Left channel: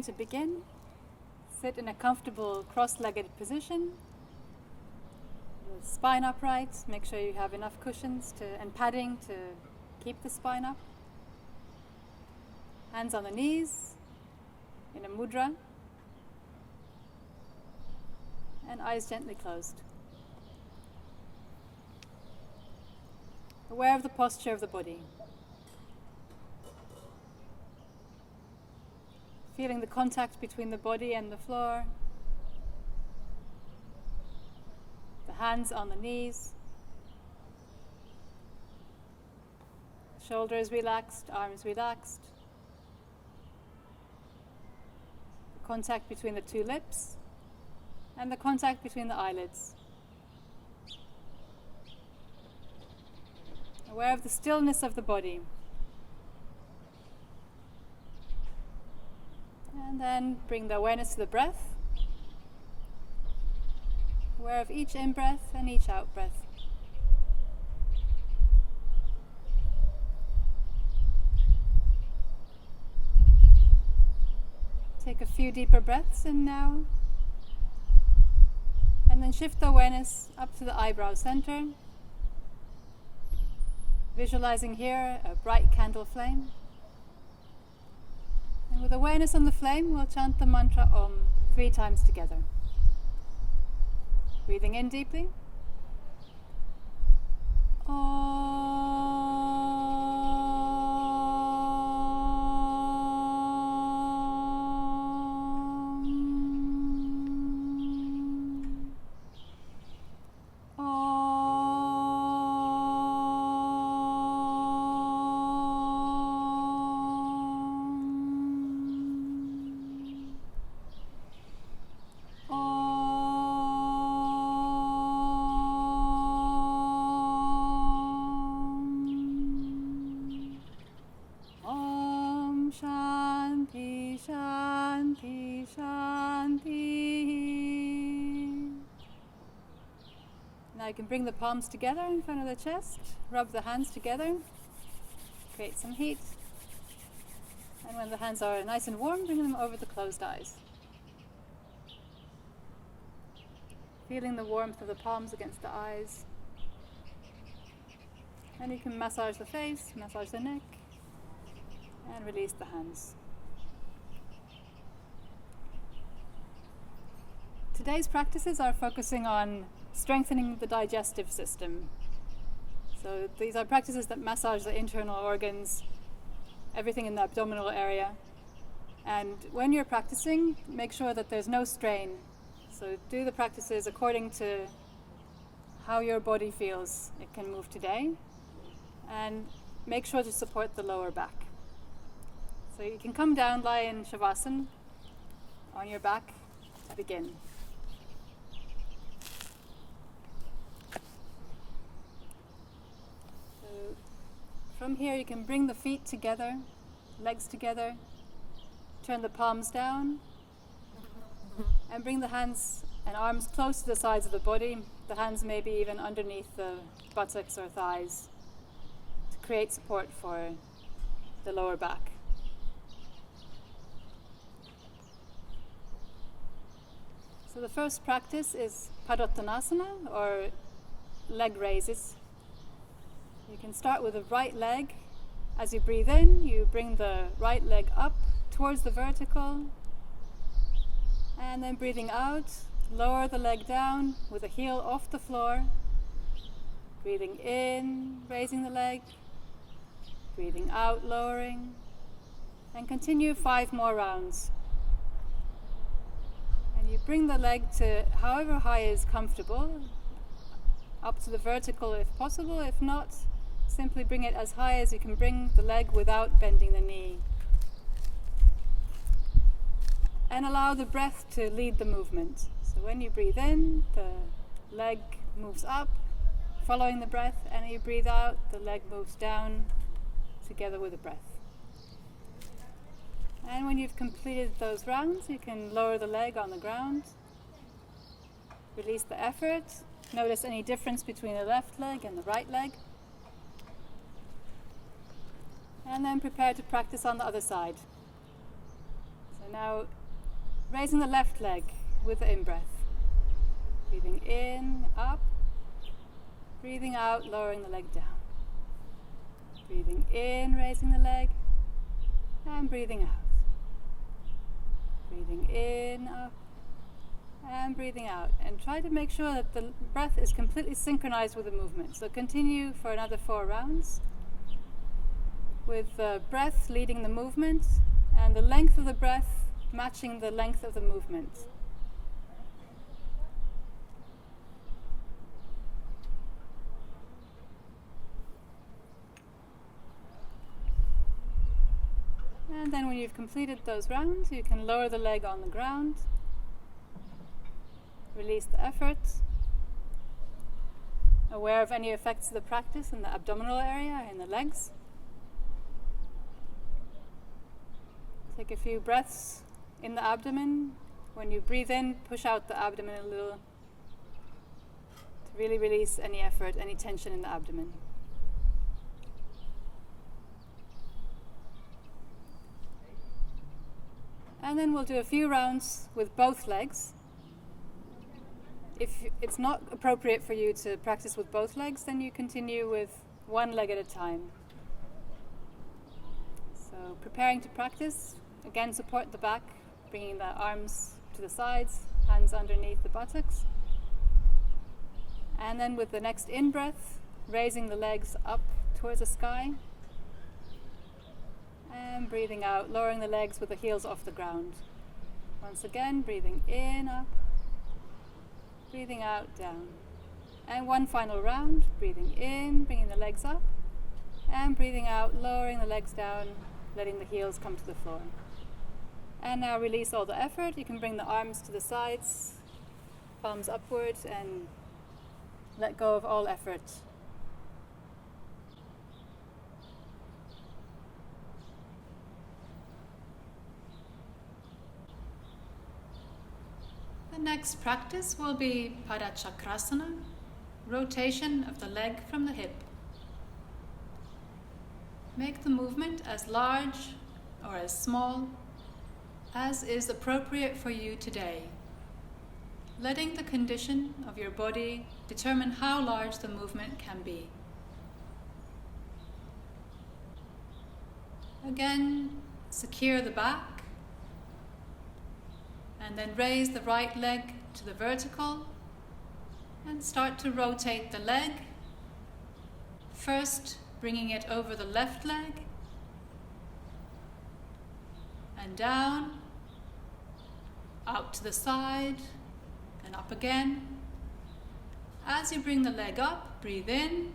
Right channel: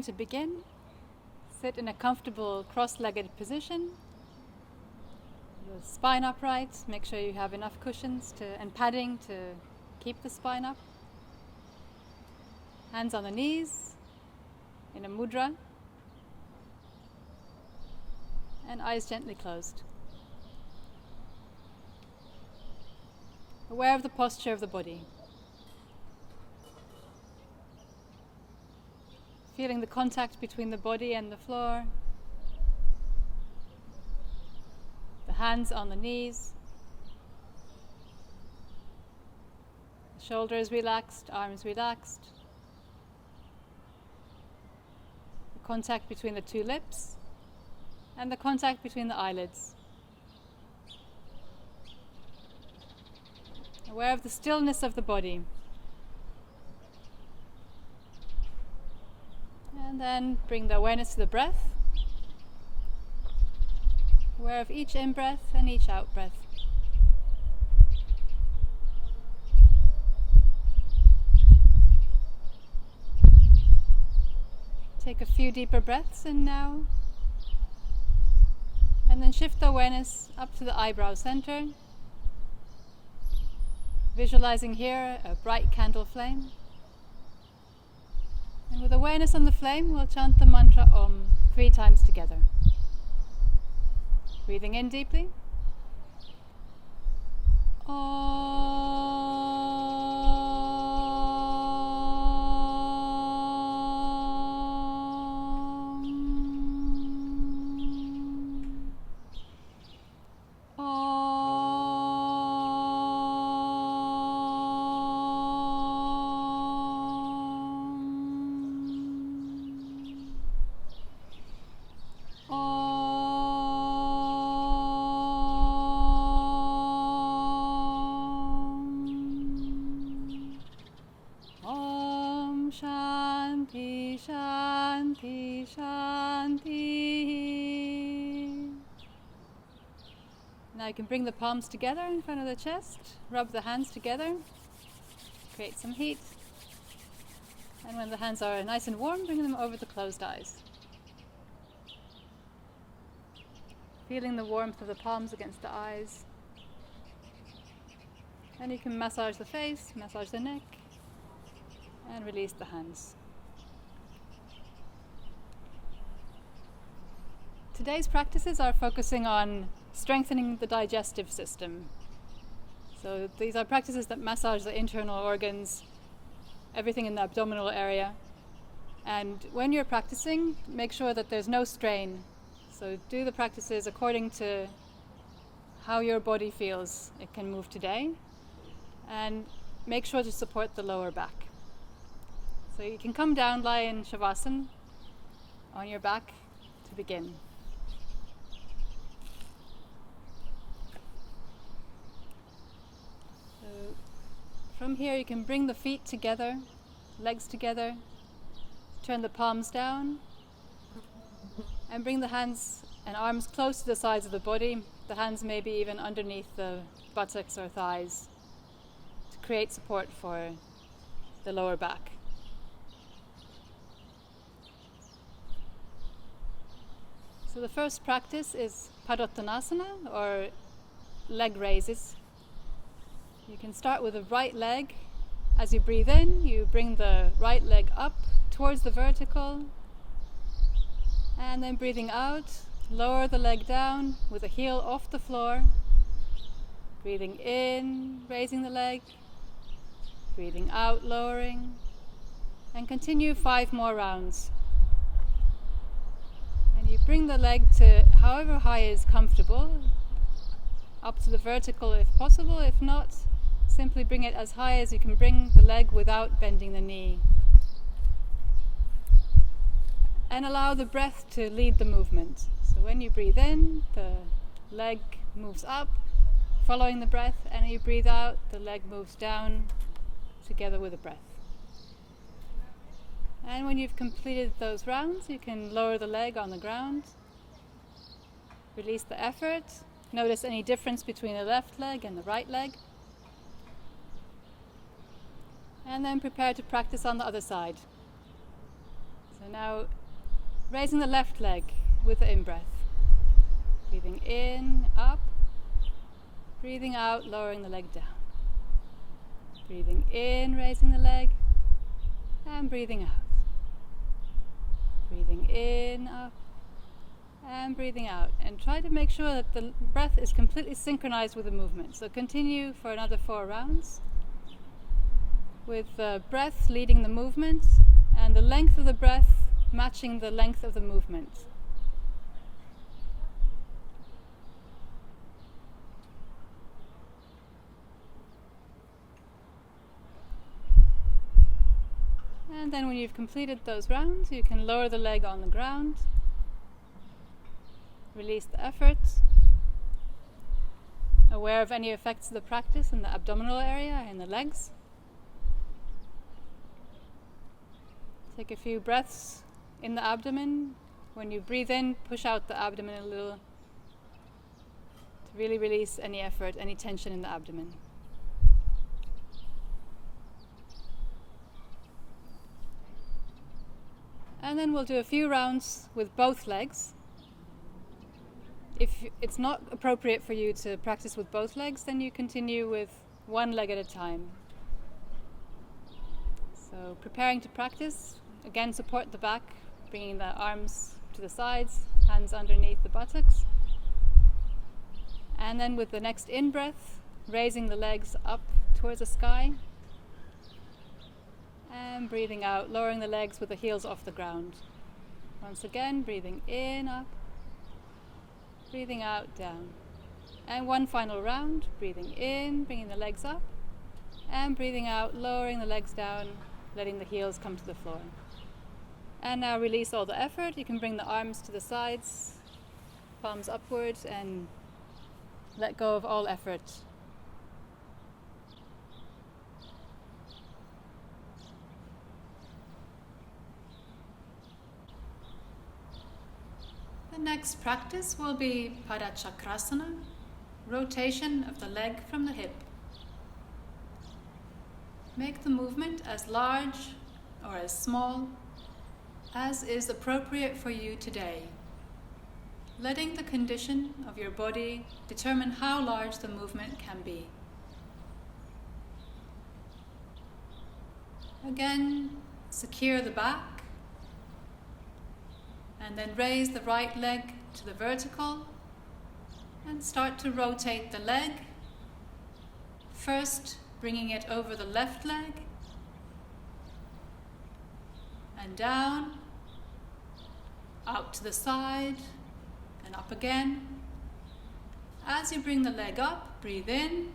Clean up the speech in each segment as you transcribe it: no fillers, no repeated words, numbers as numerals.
preparing to begin, sit in a comfortable cross-legged position. The spine upright. Make sure you have enough cushions and padding to keep the spine up. Hands on the knees in a mudra. And eyes gently closed. Aware of the posture of the body. Feeling the contact between the body and the floor. The hands on the knees. Shoulders relaxed, arms relaxed. The contact between the two lips and the contact between the eyelids. Aware of the stillness of the body. And then bring the awareness to the breath. Aware of each in-breath and each out-breath. Take a few deeper breaths in now. And then shift the awareness up to the eyebrow center. Visualizing here a bright candle flame. And with awareness on the flame, we'll chant the mantra Om 3 times together. Breathing in deeply. Now you can bring the palms together in front of the chest, rub the hands together, create some heat, and when the hands are nice and warm, bring them over the closed eyes. Feeling the warmth of the palms against the eyes. And you can massage the face, massage the neck, and release the hands. Today's practices are focusing on strengthening the digestive system. So these are practices that massage the internal organs, everything in the abdominal area. And when you're practicing, make sure that there's no strain. So do the practices according to how your body feels it can move today. And make sure to support the lower back. So you can come down, lie in Shavasana on your back to begin. From here you can bring the feet together, legs together, turn the palms down, and bring the hands and arms close to the sides of the body, the hands maybe even underneath the buttocks or thighs, to create support for the lower back. So the first practice is Padottanasana, or leg raises. You can start with the right leg. As you breathe in, you bring the right leg up towards the vertical. And then breathing out, lower the leg down with the heel off the floor. Breathing in, raising the leg. Breathing out, lowering. And continue 5 more rounds. And you bring the leg to however high is comfortable, up to the vertical if possible. If not, simply bring it as high as you can bring the leg without bending the knee. And allow the breath to lead the movement. So when you breathe in, the leg moves up, following the breath, and you breathe out, the leg moves down together with the breath. And when you've completed those rounds, you can lower the leg on the ground, release the effort, notice any difference between the left leg and the right leg, and then prepare to practice on the other side. So now raising the left leg with the in-breath. Breathing in, up. Breathing out, lowering the leg down. Breathing in, raising the leg. And breathing out. Breathing in, up. And breathing out. And try to make sure that the breath is completely synchronized with the movement. So continue for another 4 rounds, with the breath leading the movement and the length of the breath matching the length of the movement. And then when you've completed those rounds, you can lower the leg on the ground, release the effort, aware of any effects of the practice in the abdominal area, in the legs. Take a few breaths in the abdomen. When you breathe in, push out the abdomen a little to really release any effort, any tension in the abdomen. And then we'll do a few rounds with both legs. If it's not appropriate for you to practice with both legs, then you continue with one leg at a time. So preparing to practice, again support the back, bringing the arms to the sides, hands underneath the buttocks. And then with the next in-breath, raising the legs up towards the sky. And breathing out, lowering the legs with the heels off the ground. Once again, breathing in, up. Breathing out, down. And one final round, breathing in, bringing the legs up. And breathing out, lowering the legs down, letting the heels come to the floor. And now release all the effort. You can bring the arms to the sides, palms upward, and let go of all effort. The next practice will be Padachakrasana, rotation of the leg from the hip. Make the movement as large or as small as is appropriate for you today, letting the condition of your body determine how large the movement can be. Again, secure the back, and then raise the right leg to the vertical and start to rotate the leg, first bringing it over the left leg and down, out to the side and up again. As you bring the leg up, breathe in,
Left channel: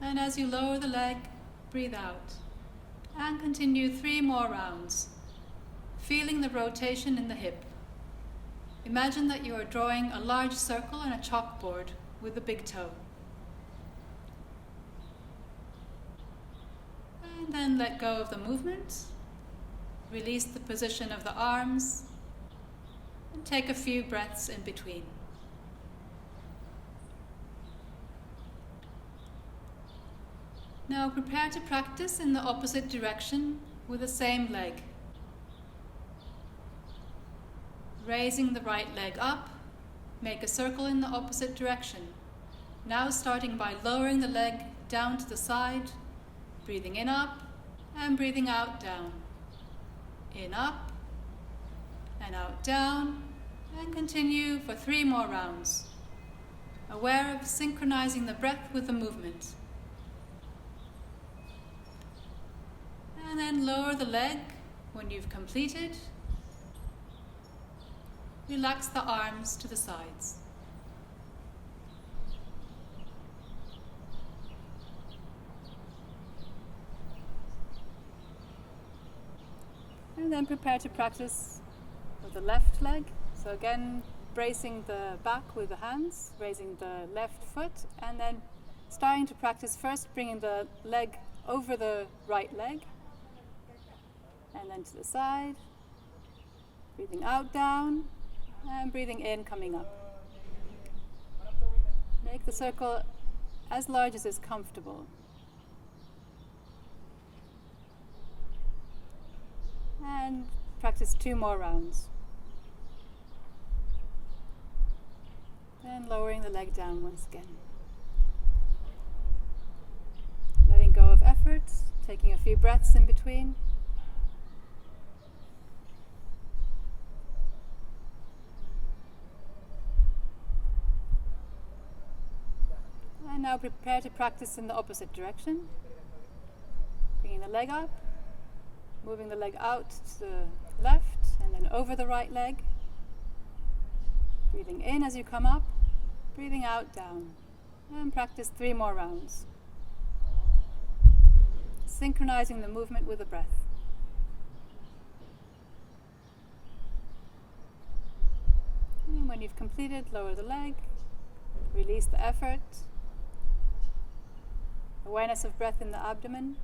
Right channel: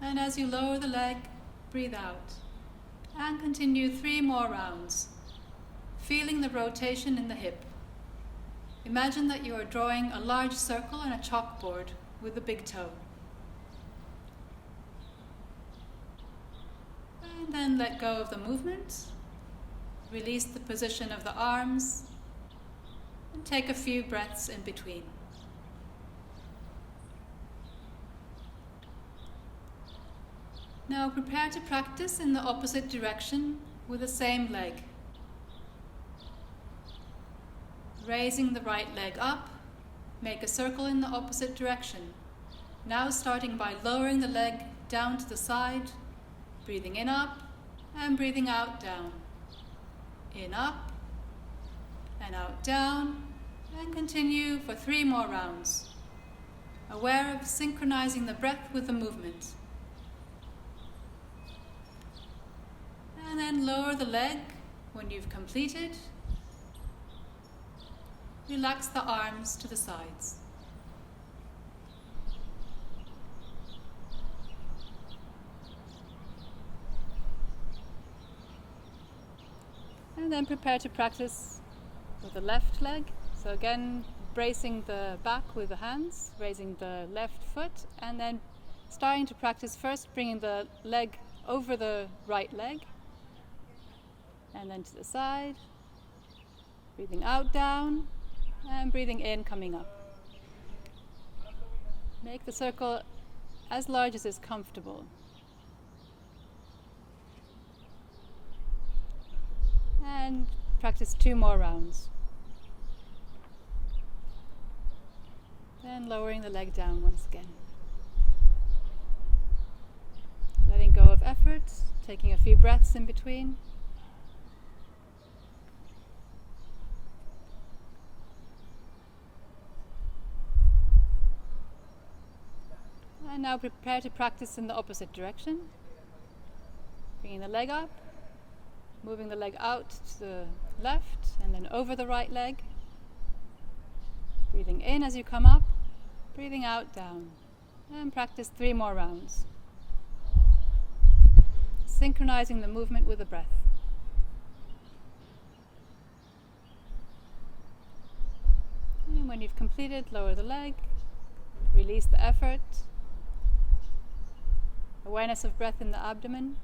and as you lower the leg, breathe out. And continue 3 more rounds, feeling the rotation in the hip. Imagine that you are drawing a large circle on a chalkboard with the big toe. And then let go of the movement. Release the position of the arms and take a few breaths in between. Now prepare to practice in the opposite direction with the same leg. Raising the right leg up, make a circle in the opposite direction. Now starting by lowering the leg down to the side, breathing in up and breathing out down. In up and out down, and continue for 3 more rounds, aware of synchronizing the breath with the movement. And then lower the leg when you've completed. Relax the arms to the sides. And then prepare to practice with the left leg. So again, bracing the back with the hands, raising the left foot, and then starting to practice first bringing the leg over the right leg, and then to the side, breathing out, down, and breathing in, coming up. Make the circle as large as is comfortable. And practice 2 more rounds. Then lowering the leg down once again. Letting go of effort, taking a few breaths in between. And now prepare to practice in the opposite direction. Bringing the leg up, moving the leg out to the left and then over the right leg. Breathing in as you come up, breathing out, down. And practice 3 more rounds. Synchronizing the movement with the breath. And when you've completed, lower the leg, release the effort. Awareness of breath in the abdomen.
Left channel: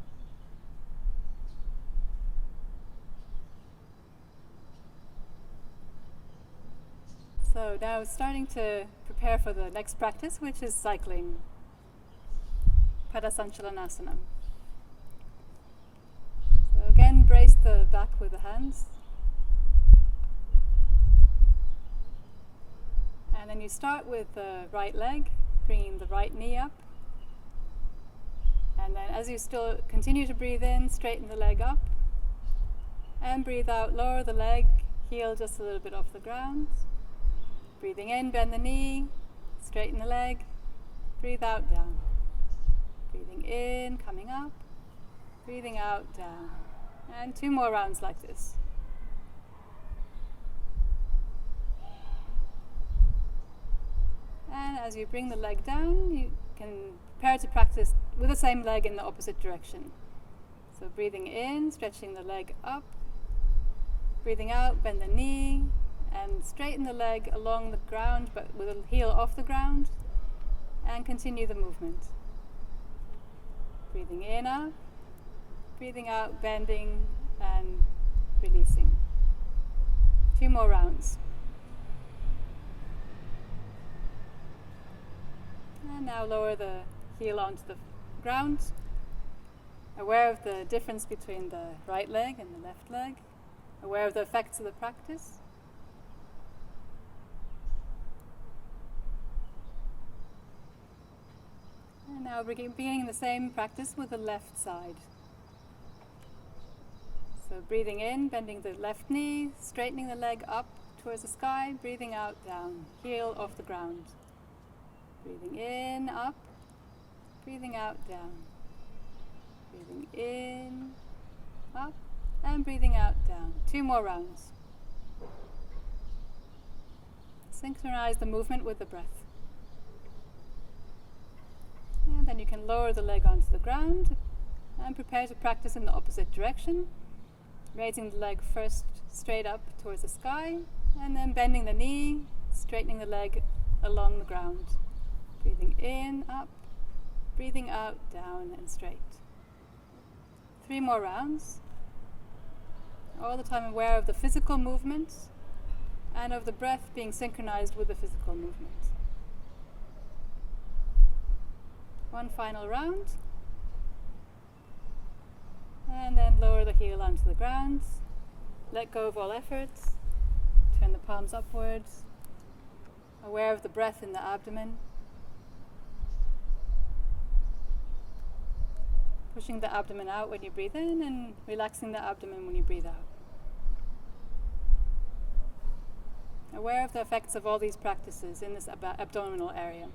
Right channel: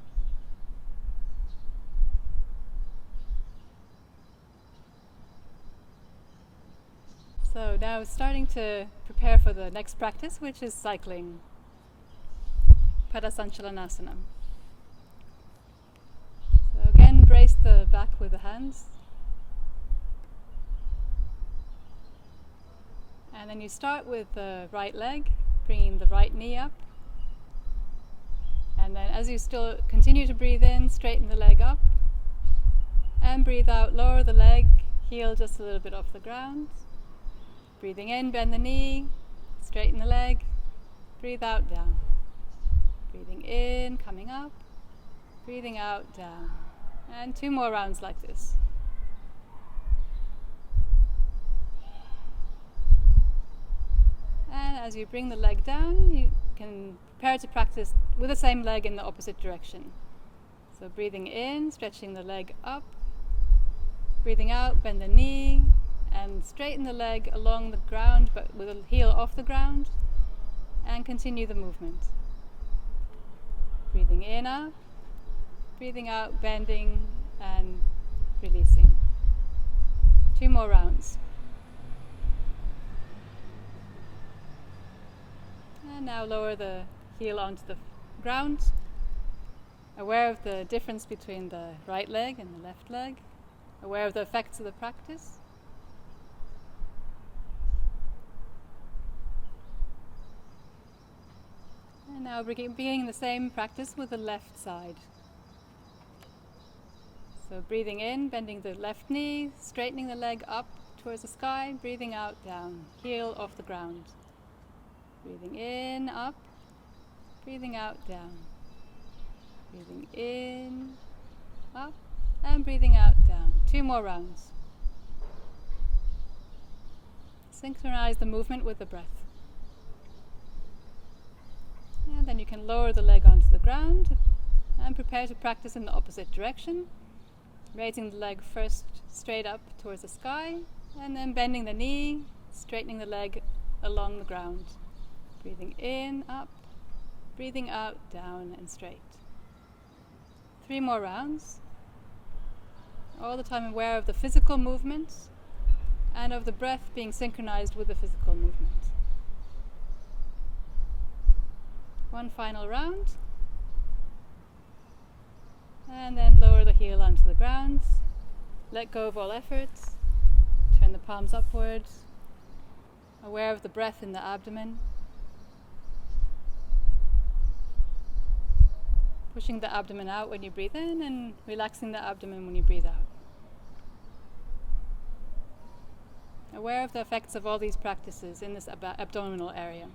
So now starting to prepare for the next practice, which is cycling. Padasanchalanasana. So again, brace the back with the hands. And then you start with the right leg, bringing the right knee up. And then as you still continue to breathe in, straighten the leg up. And breathe out, lower the leg, heel just a little bit off the ground. Breathing in, bend the knee, straighten the leg, breathe out, down. Breathing in, coming up, breathing out, down. And 2 more rounds like this. And as you bring the leg down, you can prepare to practice with the same leg in the opposite direction. So breathing in, stretching the leg up, breathing out, bend the knee, and straighten the leg along the ground but with the heel off the ground, and continue the movement. Breathing in, up, breathing out, bending and releasing. 2 more rounds. And now lower the heel onto the ground, aware of the difference between the right leg and the left leg, aware of the effects of the practice. And now beginning the same practice with the left side. So breathing in, bending the left knee, straightening the leg up towards the sky, breathing out, down, heel off the ground. Breathing in, up, breathing out, down. Breathing in, up, and breathing out, down. 2 more rounds. Synchronize the movement with the breath. And then you can lower the leg onto the ground and prepare to practice in the opposite direction, raising the leg first straight up towards the sky, and then bending the knee, straightening the leg along the ground. Breathing in, up, breathing out, down and straight. 3 more rounds. All the time aware of the physical movement and of the breath being synchronized with the physical movement. 1 final round. And then lower the heel onto the ground. Let go of all effort. Turn the palms upwards. Aware of the breath in the abdomen. Pushing the abdomen out when you breathe in and relaxing the abdomen when you breathe out. Aware of the effects of all these practices in this abdominal area.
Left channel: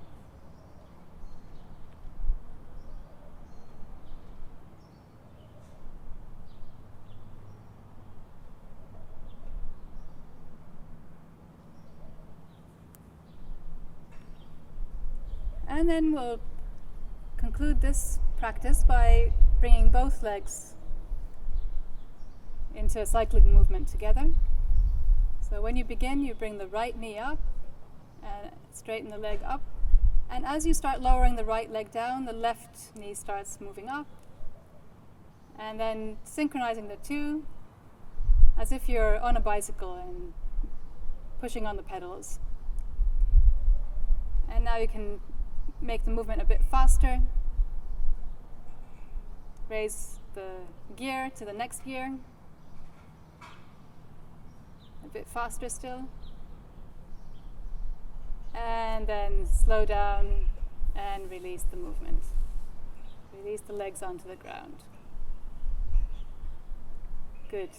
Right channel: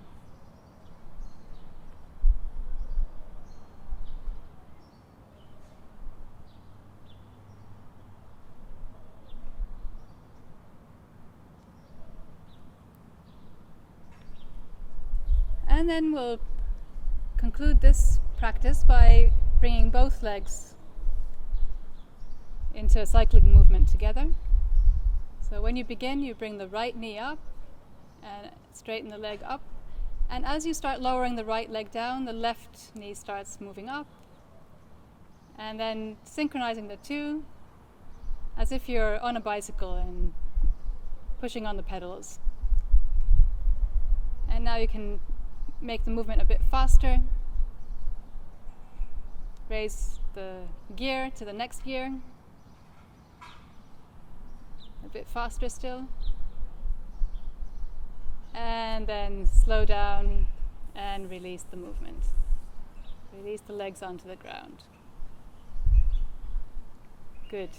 And then we'll conclude this practice by bringing both legs into a cycling movement together. So when you begin, you bring the right knee up and straighten the leg up. And as you start lowering the right leg down, the left knee starts moving up. And then synchronizing the two as if you're on a bicycle and pushing on the pedals. And now you can make the movement a bit faster. Raise the gear to the next gear. A bit faster still. And then slow down and release the movement. Release the legs onto the ground. Good.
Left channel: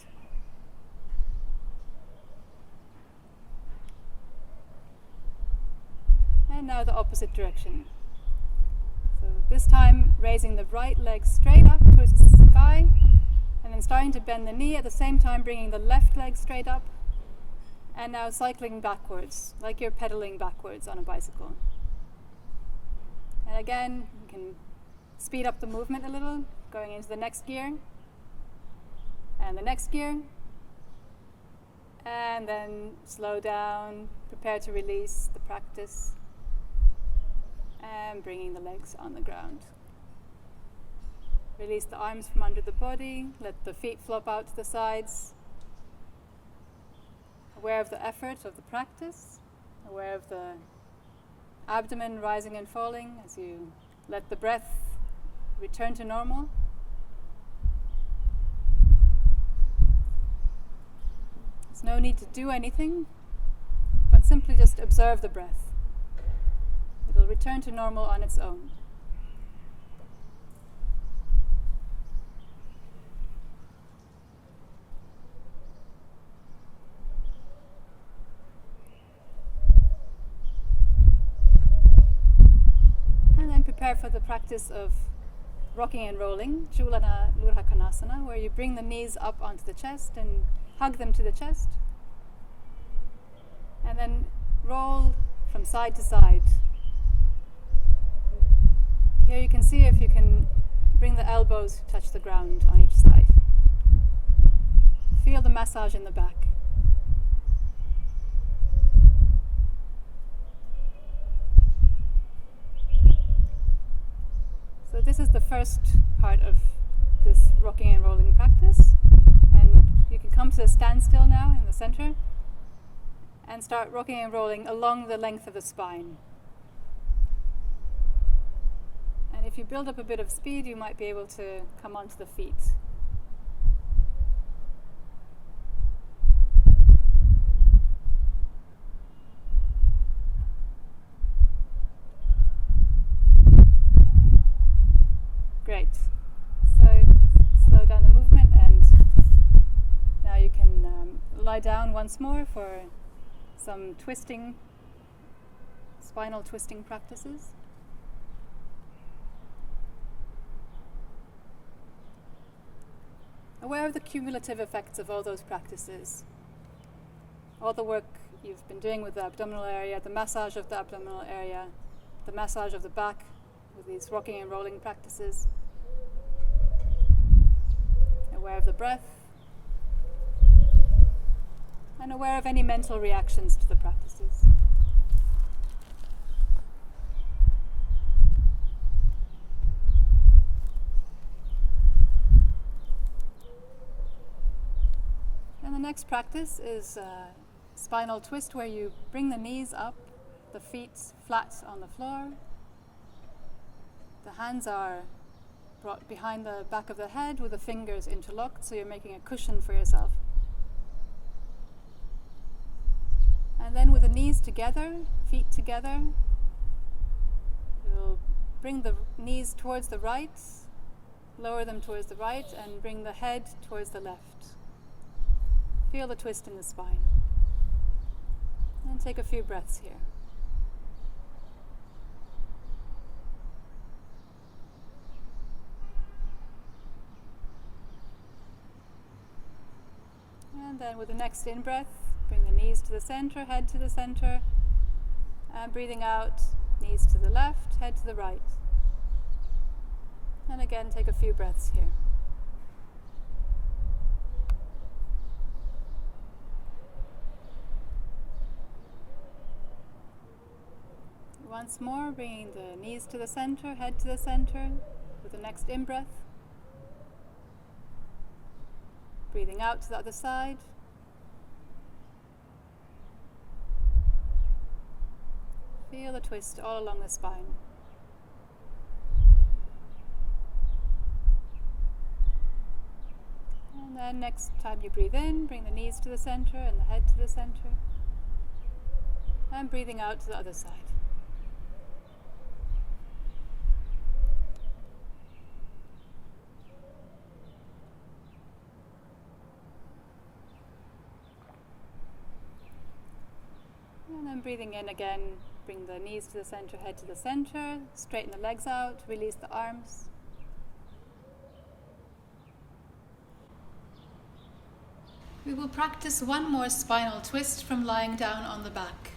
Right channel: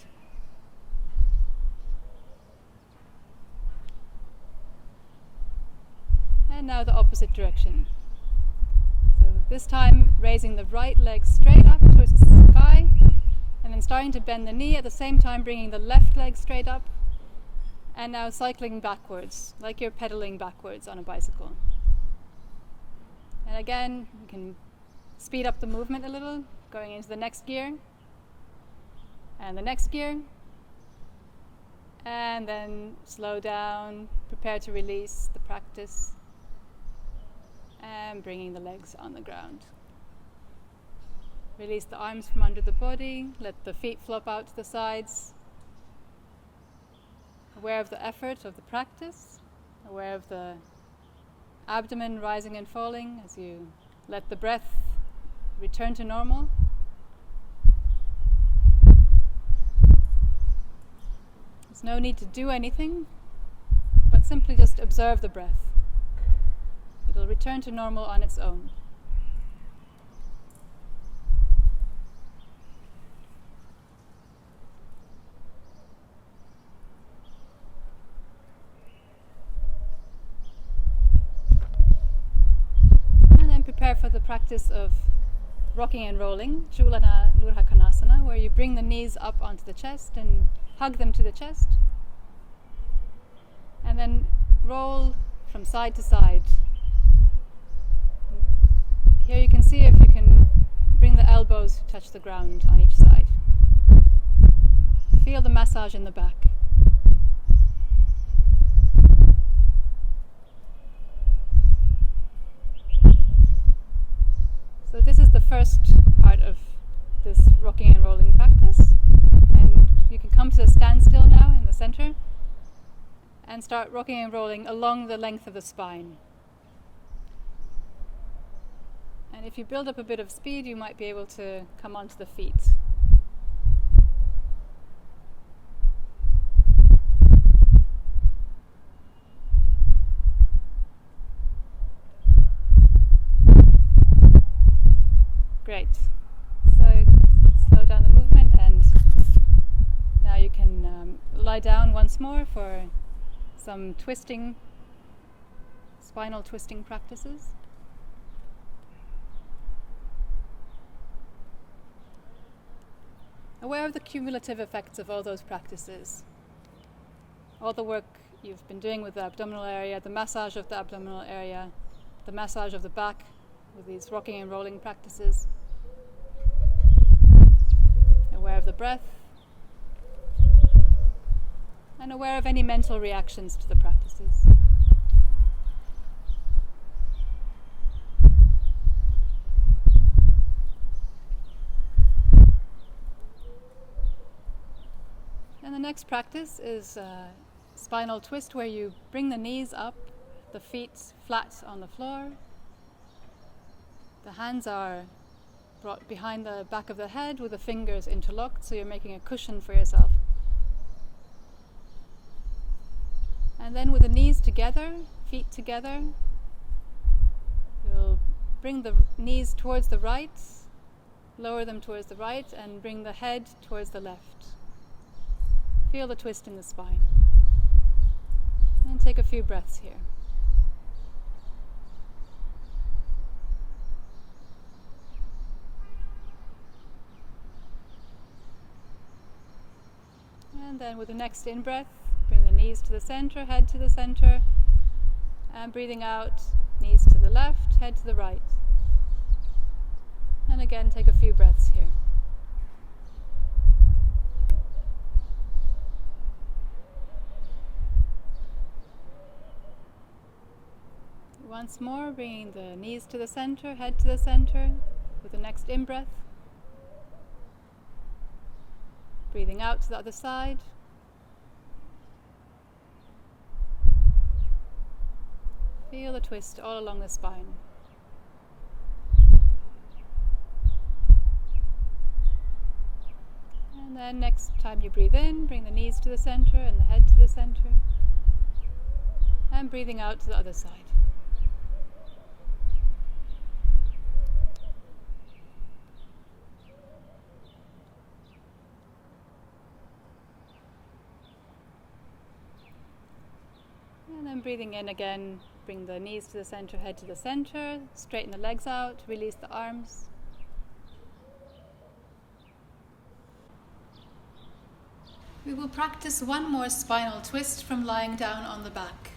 And now the opposite direction. So this time raising the right leg straight up towards the sky, and then starting to bend the knee at the same time, bringing the left leg straight up, and now cycling backwards, like you're pedaling backwards on a bicycle. And again, you can speed up the movement a little, going into the next gear, and the next gear, and then slow down, prepare to release the practice, and bringing the legs on the ground. Release the arms from under the body, let the feet flop out to the sides. Aware of the effort of the practice, aware of the abdomen rising and falling as you let the breath return to normal. There's no need to do anything, but simply just observe the breath. It'll return to normal on its own. Prepare for the practice of rocking and rolling, Chulana Lurhakanasana, where you bring the knees up onto the chest and hug them to the chest, and then roll from side to side. Here you can see if you can bring the elbows to touch the ground on each side. Feel the massage in the back. So this is the first part of this rocking and rolling practice, and you can come to a standstill now in the center and start rocking and rolling along the length of the spine. And if you build up a bit of speed, you might be able to come onto the feet. Great. So slow down the movement, and now you can lie down once more for some twisting, spinal twisting practices. Aware of the cumulative effects of all those practices. All the work you've been doing with the abdominal area, the massage of the abdominal area, the massage of the back with these rocking and rolling practices. Aware of the breath, and aware of any mental reactions to the practices. And the next practice is a spinal twist, where you bring the knees up, the feet flat on the floor. The hands are brought behind the back of the head with the fingers interlocked, so you're making a cushion for yourself. And then with the knees together, feet together, you'll bring the knees towards the right, lower them towards the right, and bring the head towards the left. Feel the twist in the spine. And take a few breaths here. And then with the next in-breath, bring the knees to the center, head to the center, and breathing out, knees to the left, head to the right. And again, take a few breaths here. Once more, bringing the knees to the center, head to the center, with the next in-breath. Breathing out to the other side. Feel the twist all along the spine. And then next time you breathe in, bring the knees to the center and the head to the center. And breathing out to the other side. And then breathing in again, bring the knees to the center, head to the center, straighten the legs out, release the arms. We will practice one more spinal twist from lying down on the back.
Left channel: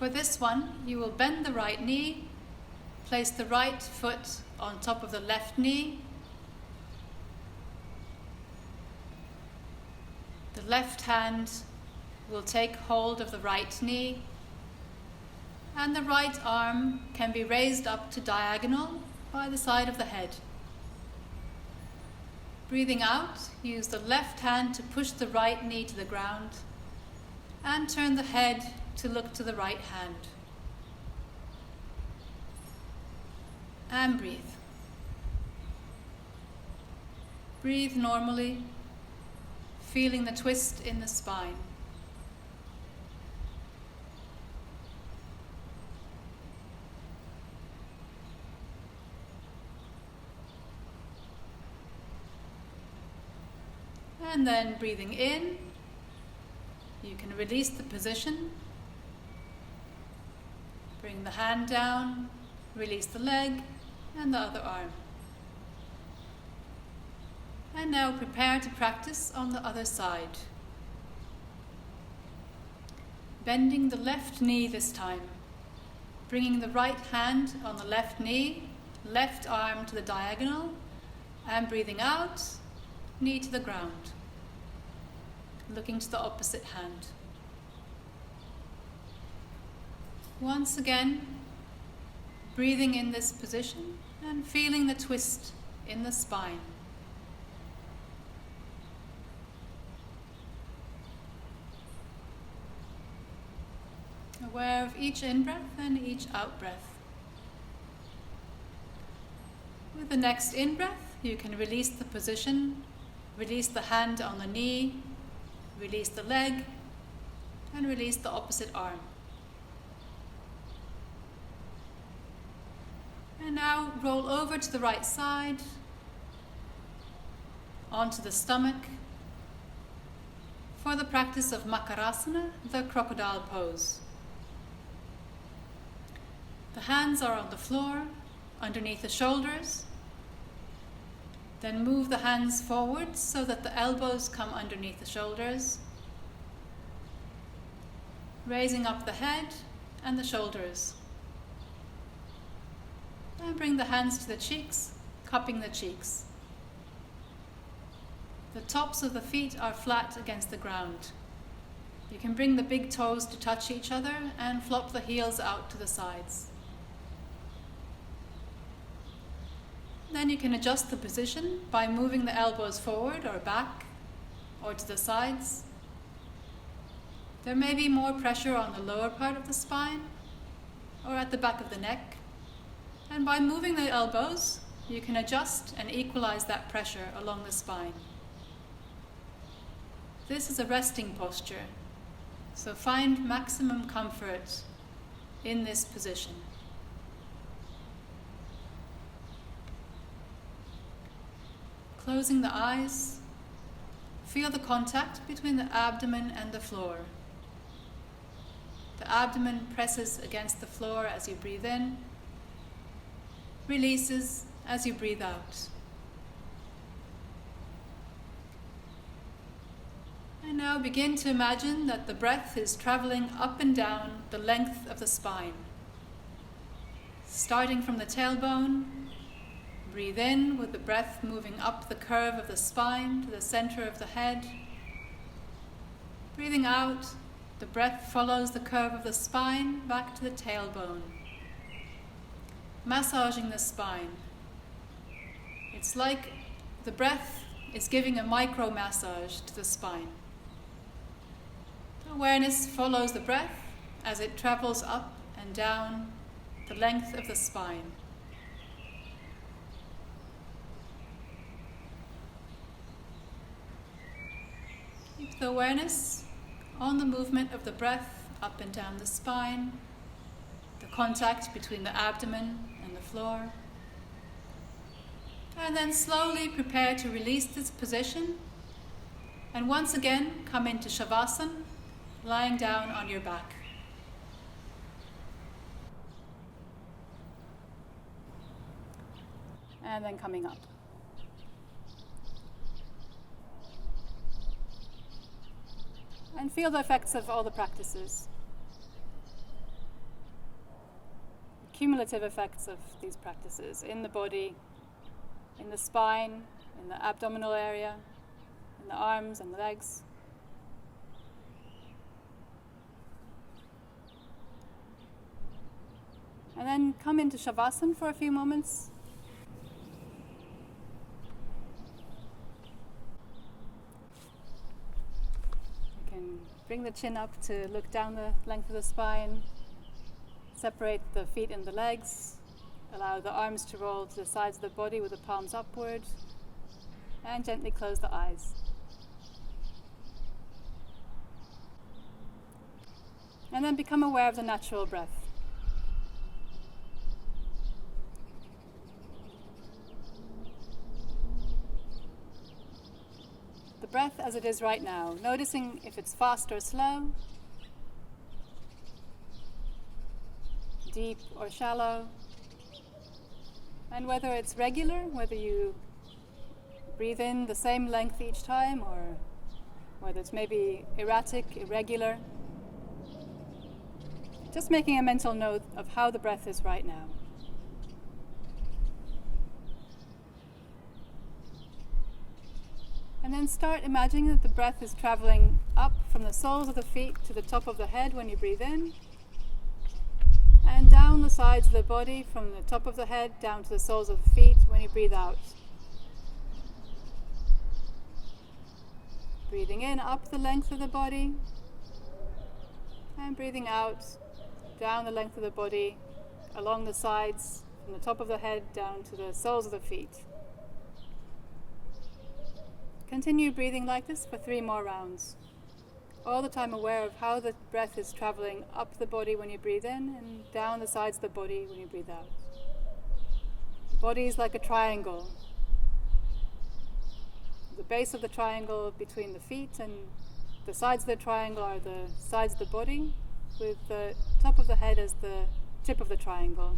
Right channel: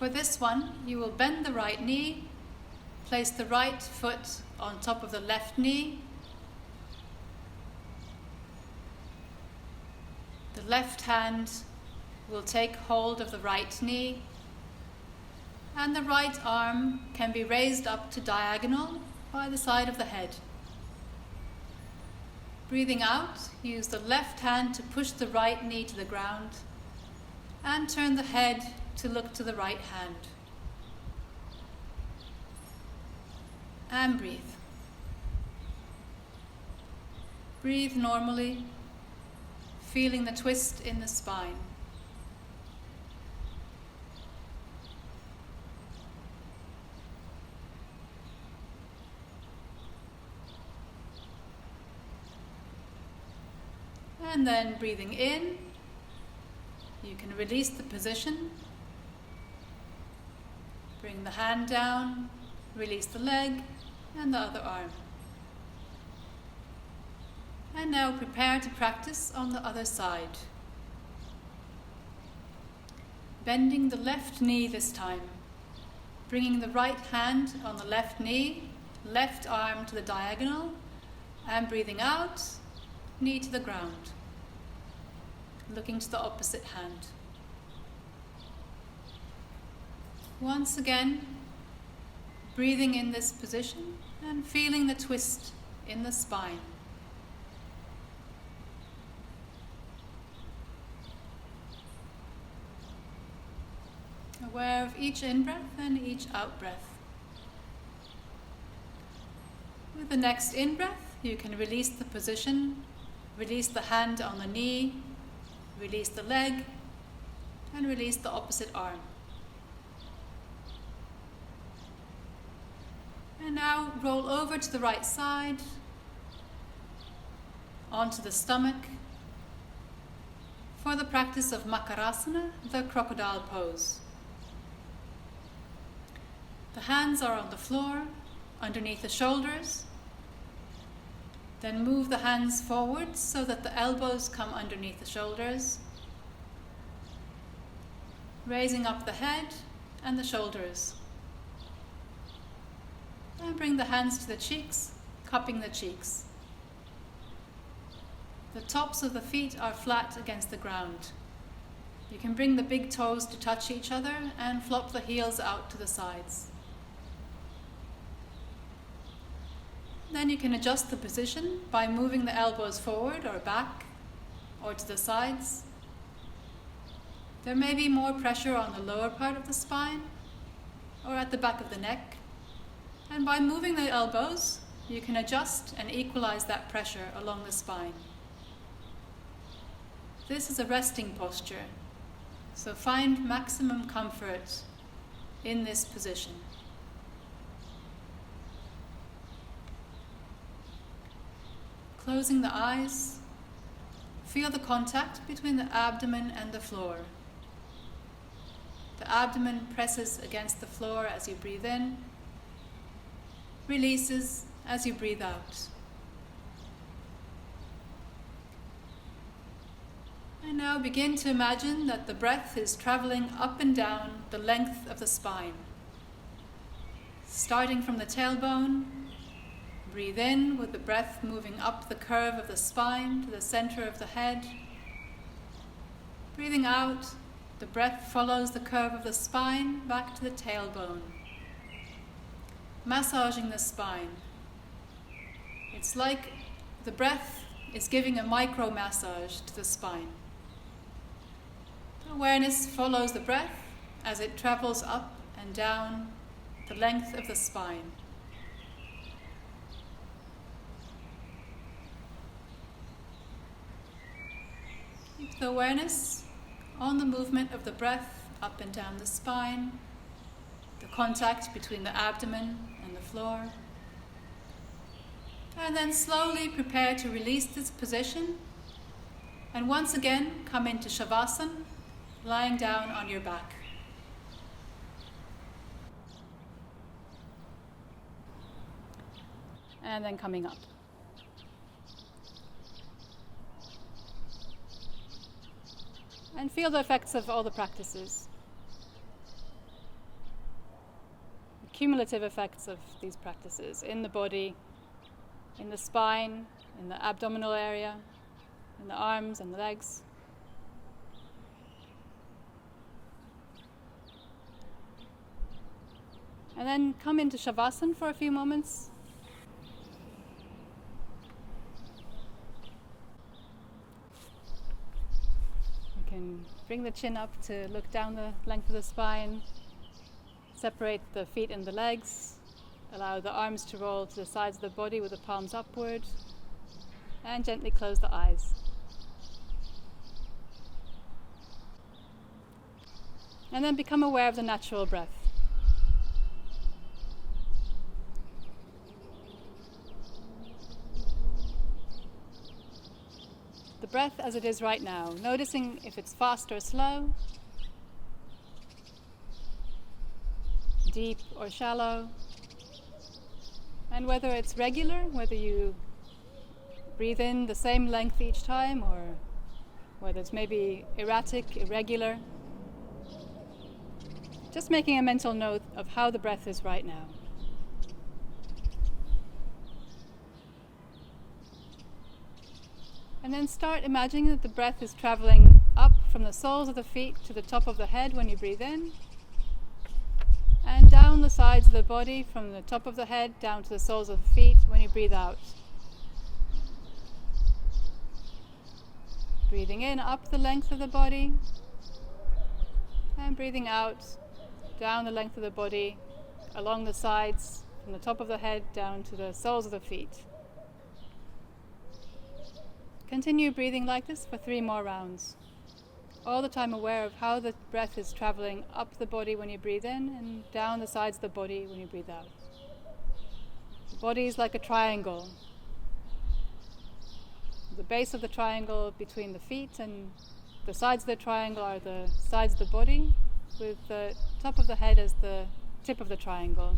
For this one, you will bend the right knee, place the right foot on top of the left knee. The left hand will take hold of the right knee, and the right arm can be raised up to diagonal by the side of the head. Breathing out, use the left hand to push the right knee to the ground and turn the head to look to the right hand. And breathe. Breathe normally, feeling the twist in the spine. And then breathing in, you can release the position. Bring the hand down, release the leg and the other arm. And now prepare to practice on the other side. Bending the left knee this time. Bringing the right hand on the left knee, left arm to the diagonal, and breathing out, knee to the ground. Looking to the opposite hand. Once again, breathing in this position and feeling the twist in the spine. Aware of each in-breath and each out-breath. With the next in-breath, you can release the position, release the hand on the knee, release the leg, and release the opposite arm. And now roll over to the right side, onto the stomach, for the practice of Makarasana, the crocodile pose. The hands are on the floor, underneath the shoulders. Then move the hands forward so that the elbows come underneath the shoulders, raising up the head and the shoulders. And bring the hands to the cheeks, cupping the cheeks. The tops of the feet are flat against the ground. You can bring the big toes to touch each other and flop the heels out to the sides. Then you can adjust the position by moving the elbows forward or back or to the sides. There may be more pressure on the lower part of the spine or at the back of the neck. And by moving the elbows, you can adjust and equalize that pressure along the spine. This is a resting posture, so find maximum comfort in this position. Closing the eyes, feel the contact between the abdomen and the floor. The abdomen presses against the floor as you breathe in, releases as you breathe out. And now begin to imagine that the breath is traveling up and down the length of the spine. Starting from the tailbone, breathe in with the breath moving up the curve of the spine to the center of the head. Breathing out, the breath follows the curve of the spine back to the tailbone. Massaging the spine. It's like the breath is giving a micro massage to the spine. Awareness follows the breath as it travels up and down the length of the spine. Keep the awareness on the movement of the breath up and down the spine, the contact between the abdomen and the floor. And then slowly prepare to release this position. And once again, come into Shavasana, lying down on your back. And then coming up. And feel the effects of all the practices. The cumulative effects of these practices in the body, in the spine, in the abdominal area, in the arms and the legs. And then come into Shavasana for a few moments. You can bring the chin up to look down the length of the spine. Separate the feet and the legs. Allow the arms to roll to the sides of the body with the palms upward. And gently close the eyes. And then become aware of the natural breath. The breath as it is right now, noticing if it's fast or slow, deep or shallow, and whether it's regular, whether you breathe in the same length each time, or whether it's maybe erratic, irregular. Just making a mental note of how the breath is right now. And then start imagining that the breath is traveling up from the soles of the feet to the top of the head when you breathe in, and down the sides of the body from the top of the head down to the soles of the feet when you breathe out. Breathing in up the length of the body, and breathing out down the length of the body, along the sides, from the top of the head down to the soles of the feet. Continue breathing like this for 3 more rounds. All the time aware of how the breath is traveling up the body when you breathe in and down the sides of the body when you breathe out. The body is like a triangle. The base of the triangle between the feet and the sides of the triangle are the sides of the body, with the top of the head as the tip of the triangle.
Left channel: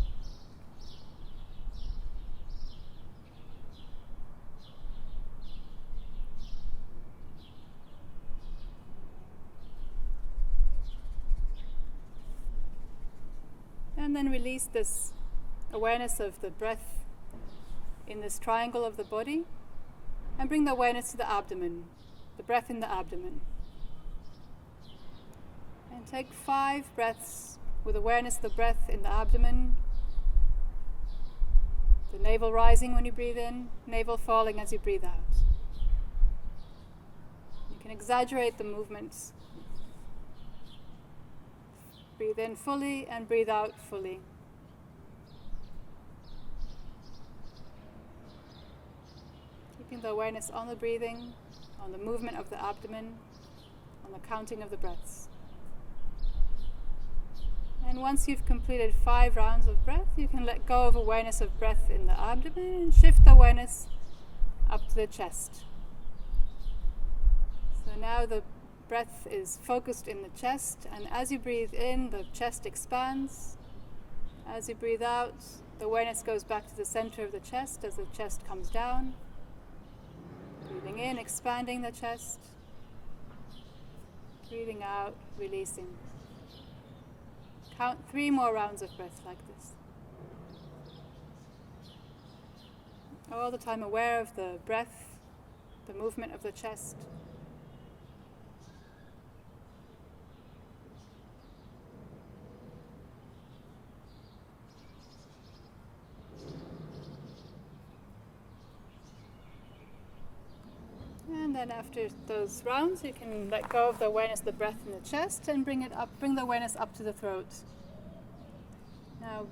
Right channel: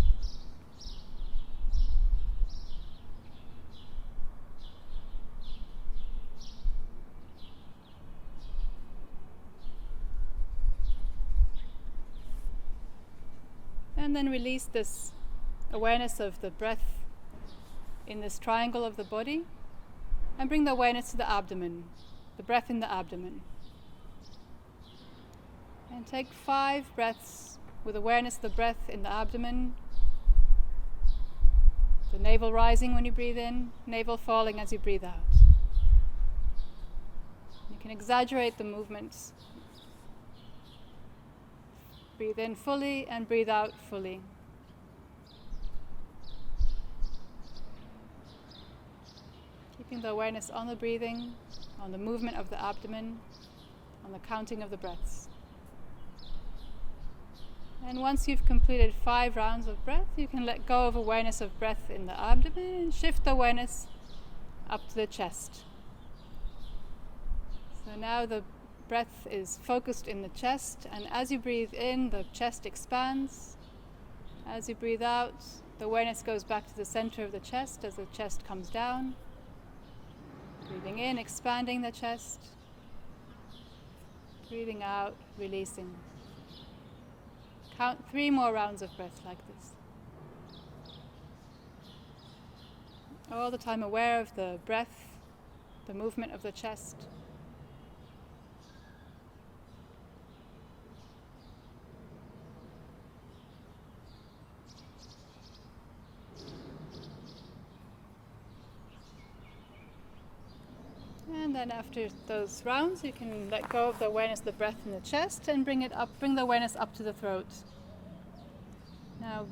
And then release this awareness of the breath in this triangle of the body, and bring the awareness to the abdomen, the breath in the abdomen. And take 5 breaths with awareness of the breath in the abdomen, the navel rising when you breathe in, navel falling as you breathe out. You can exaggerate the movements. Breathe in fully and breathe out fully. Keeping the awareness on the breathing, on the movement of the abdomen, on the counting of the breaths. And once you've completed 5 rounds of breath, you can let go of awareness of breath in the abdomen and shift the awareness up to the chest. So now the breath is focused in the chest, and as you breathe in, the chest expands. As you breathe out, the awareness goes back to the center of the chest as the chest comes down. Breathing in, expanding the chest. Breathing out, releasing. Count 3 more rounds of breath like this. All the time aware of the breath, the movement of the chest. And then after those rounds, you can let go of the awareness of the breath in the chest and bring the awareness up to the throat. Now,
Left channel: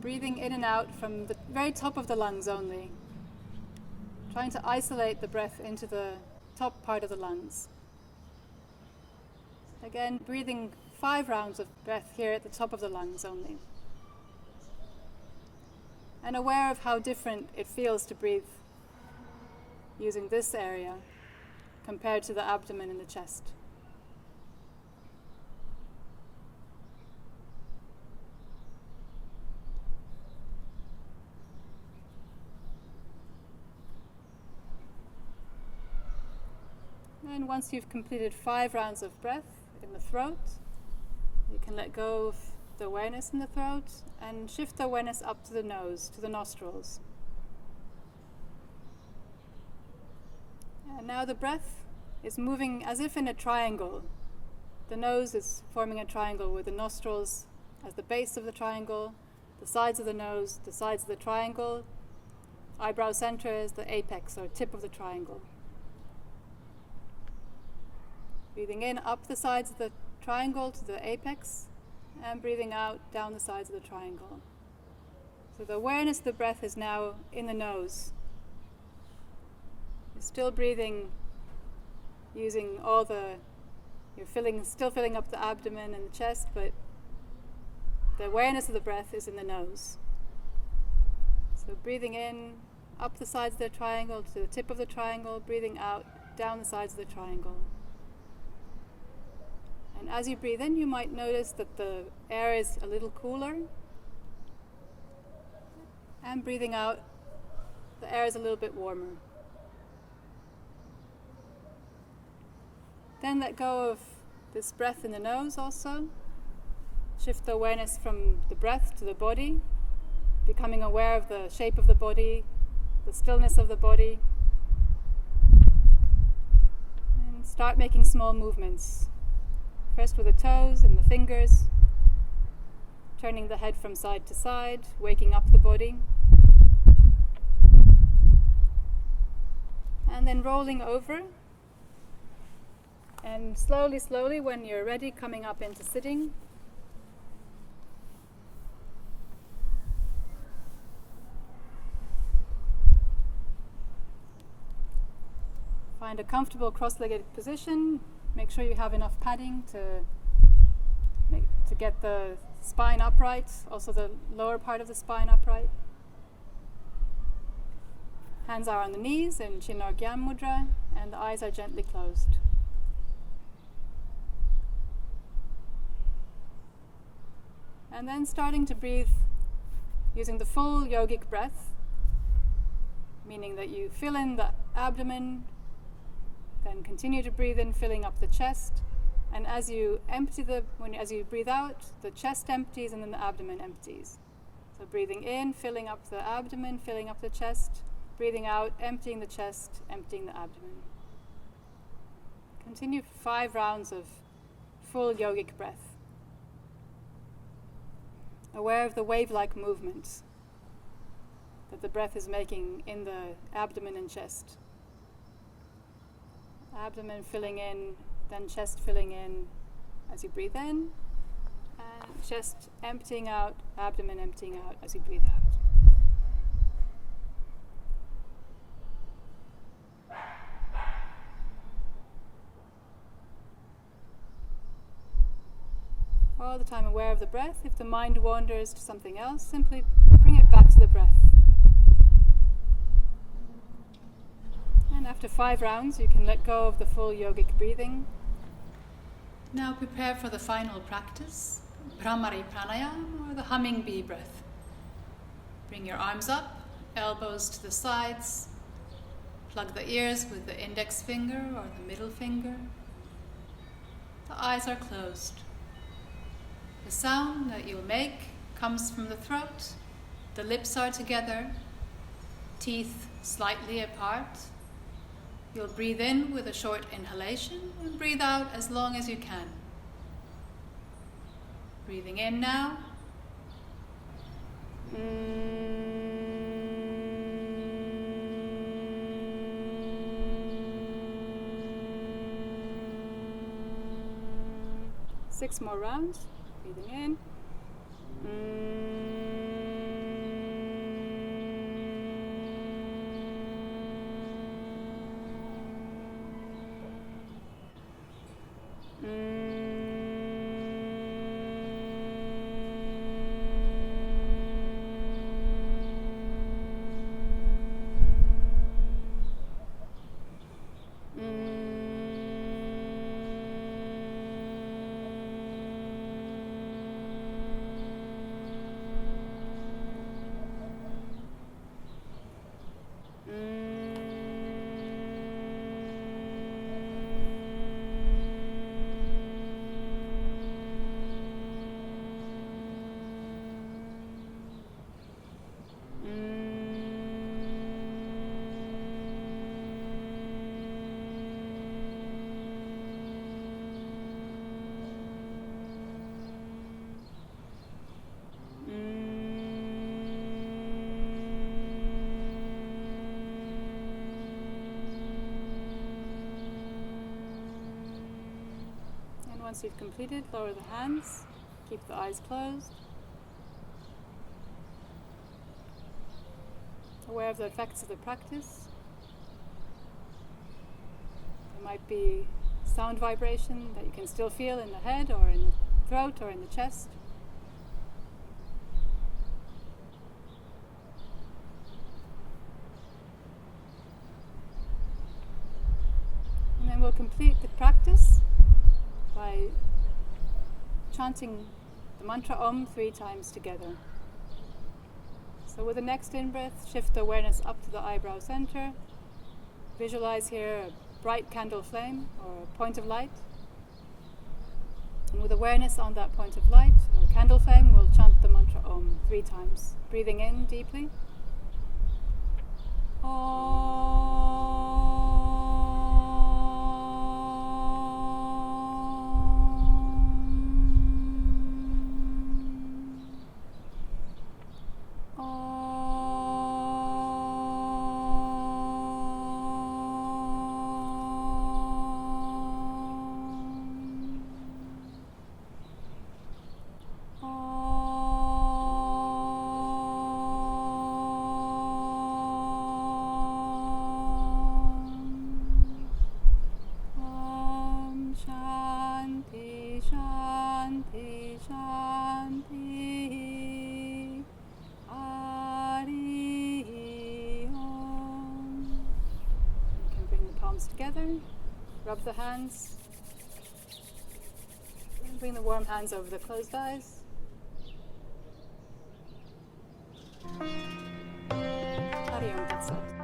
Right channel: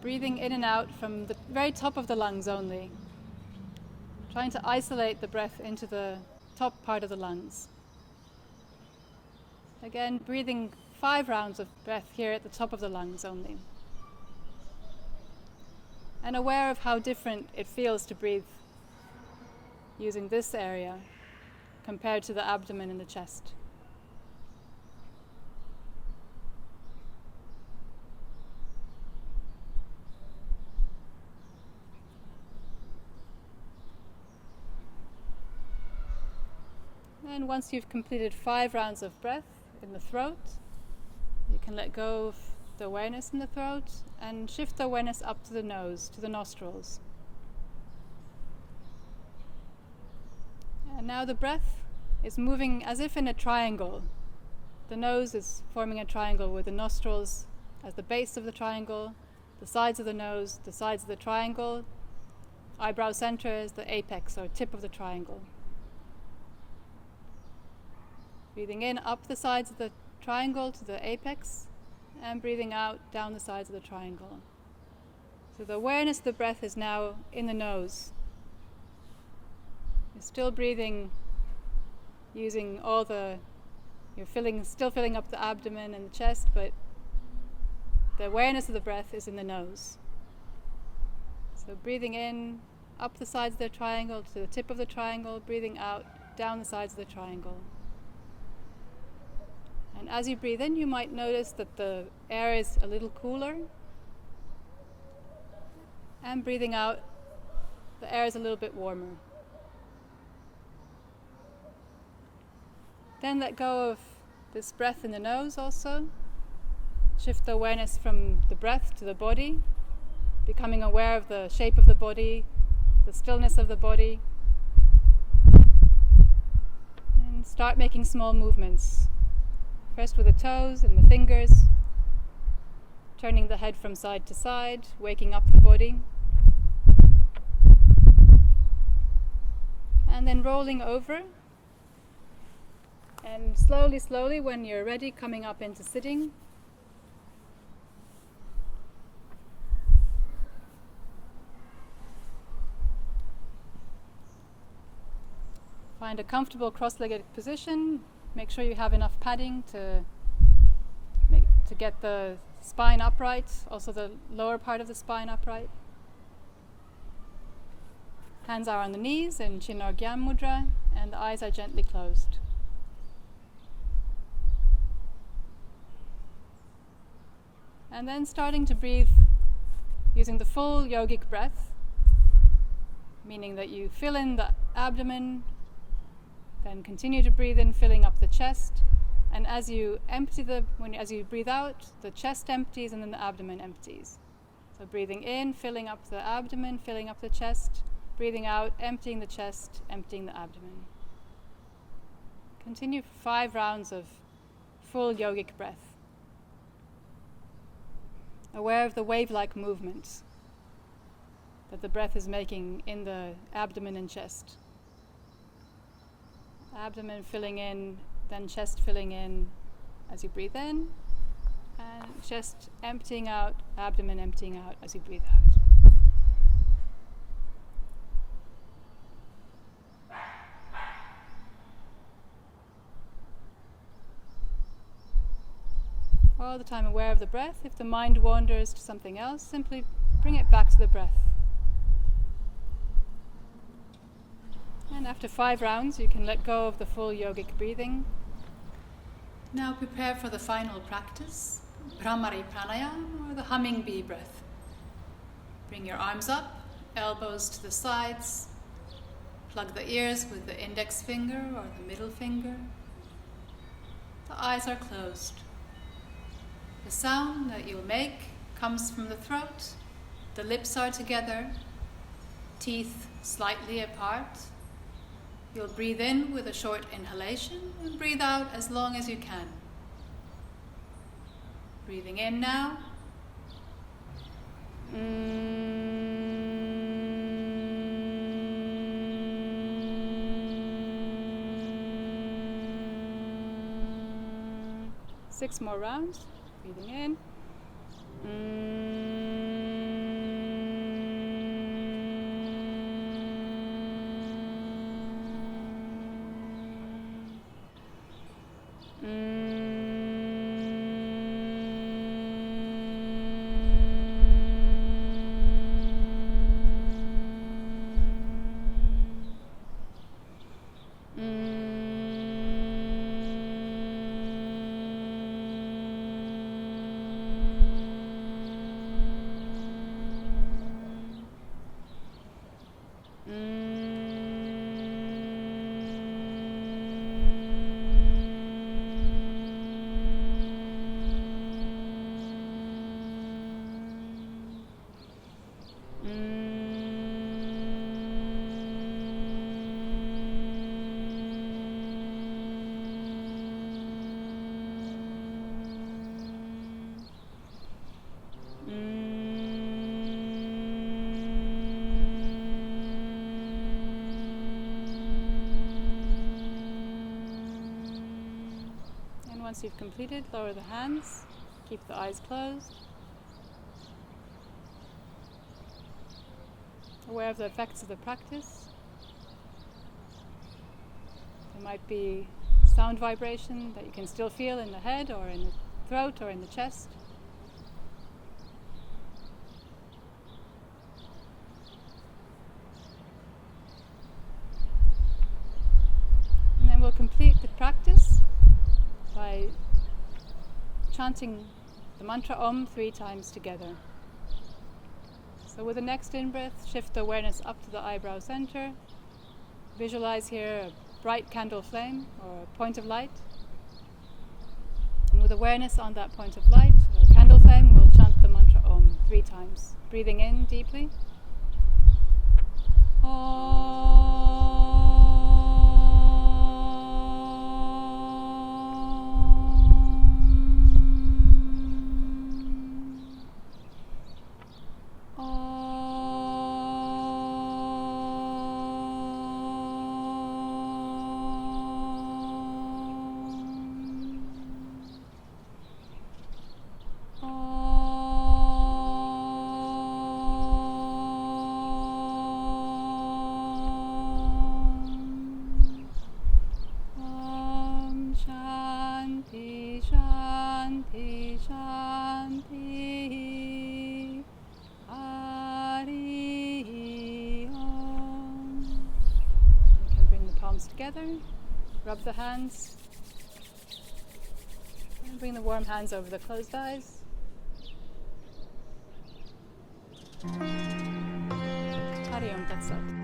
breathing in and out from the very top of the lungs only. Trying to isolate the breath into the top part of the lungs. Again, breathing 5 rounds of breath here at the top of the lungs only. And aware of how different it feels to breathe using this area compared to the abdomen and the chest. And once you've completed 5 rounds of breath in the throat, you can let go of the awareness in the throat and shift the awareness up to the nose, to the nostrils. And now the breath is moving as if in a triangle. The nose is forming a triangle with the nostrils as the base of the triangle, the sides of the nose, the sides of the triangle, eyebrow center is the apex or tip of the triangle. Breathing in up the sides of the triangle to the apex, and breathing out down the sides of the triangle. So the awareness of the breath is now in the nose. You're still breathing using still filling up the abdomen and the chest, but the awareness of the breath is in the nose. So breathing in up the sides of the triangle to the tip of the triangle, breathing out down the sides of the triangle. And as you breathe in, you might notice that the air is a little cooler. And breathing out, the air is a little bit warmer. Then let go of this breath in the nose also. Shift the awareness from the breath to the body, becoming aware of the shape of the body, the stillness of the body. And start making small movements. First with the toes and the fingers, turning the head from side to side, waking up the body. And then rolling over. And slowly, when you're ready, coming up into sitting. Find a comfortable cross-legged position. Make sure you have enough padding to get the spine upright, also the lower part of the spine upright. Hands are on the knees in Chin or Gyam Mudra, and the eyes are gently closed. And then starting to breathe using the full yogic breath, meaning that you fill in the abdomen, then continue to breathe in, filling up the chest, and as you breathe out, the chest empties and then the abdomen empties. So breathing in, filling up the abdomen, filling up the chest, breathing out, emptying the chest, emptying the abdomen. Continue 5 rounds of full yogic breath. Aware of the wave-like movements that the breath is making in the abdomen and chest. Abdomen filling in, then chest filling in as you breathe in, and chest emptying out, abdomen emptying out as you breathe out. All the time aware of the breath. If the mind wanders to something else, simply bring it back to the breath. And after 5 rounds, you can let go of the full yogic breathing. Now prepare for the final practice, Asana Pranayama, or the humming bee breath. Bring your arms up, elbows to the sides. Plug the ears with the index finger or the middle finger. The eyes are closed. The sound that you'll make comes from the throat. The lips are together, teeth slightly apart. You'll breathe in with a short inhalation and breathe out as long as you can. Breathing in now. 6 more rounds. Breathing in. Once you've completed, lower the hands, keep the eyes closed. Aware of the effects of the practice. There might be sound vibration that you can still feel in the head or in the throat or in the chest. And then we'll complete the practice by chanting the mantra Om 3 times together. So with the next in-breath, shift the awareness up to the eyebrow center. Visualize here a bright candle flame or a point of light. And with awareness on that point of light or candle flame, we'll chant the mantra Om 3 times. Breathing in deeply. Om. Together, rub the hands, and bring the warm hands over the closed eyes. Hari Om Tat Sat.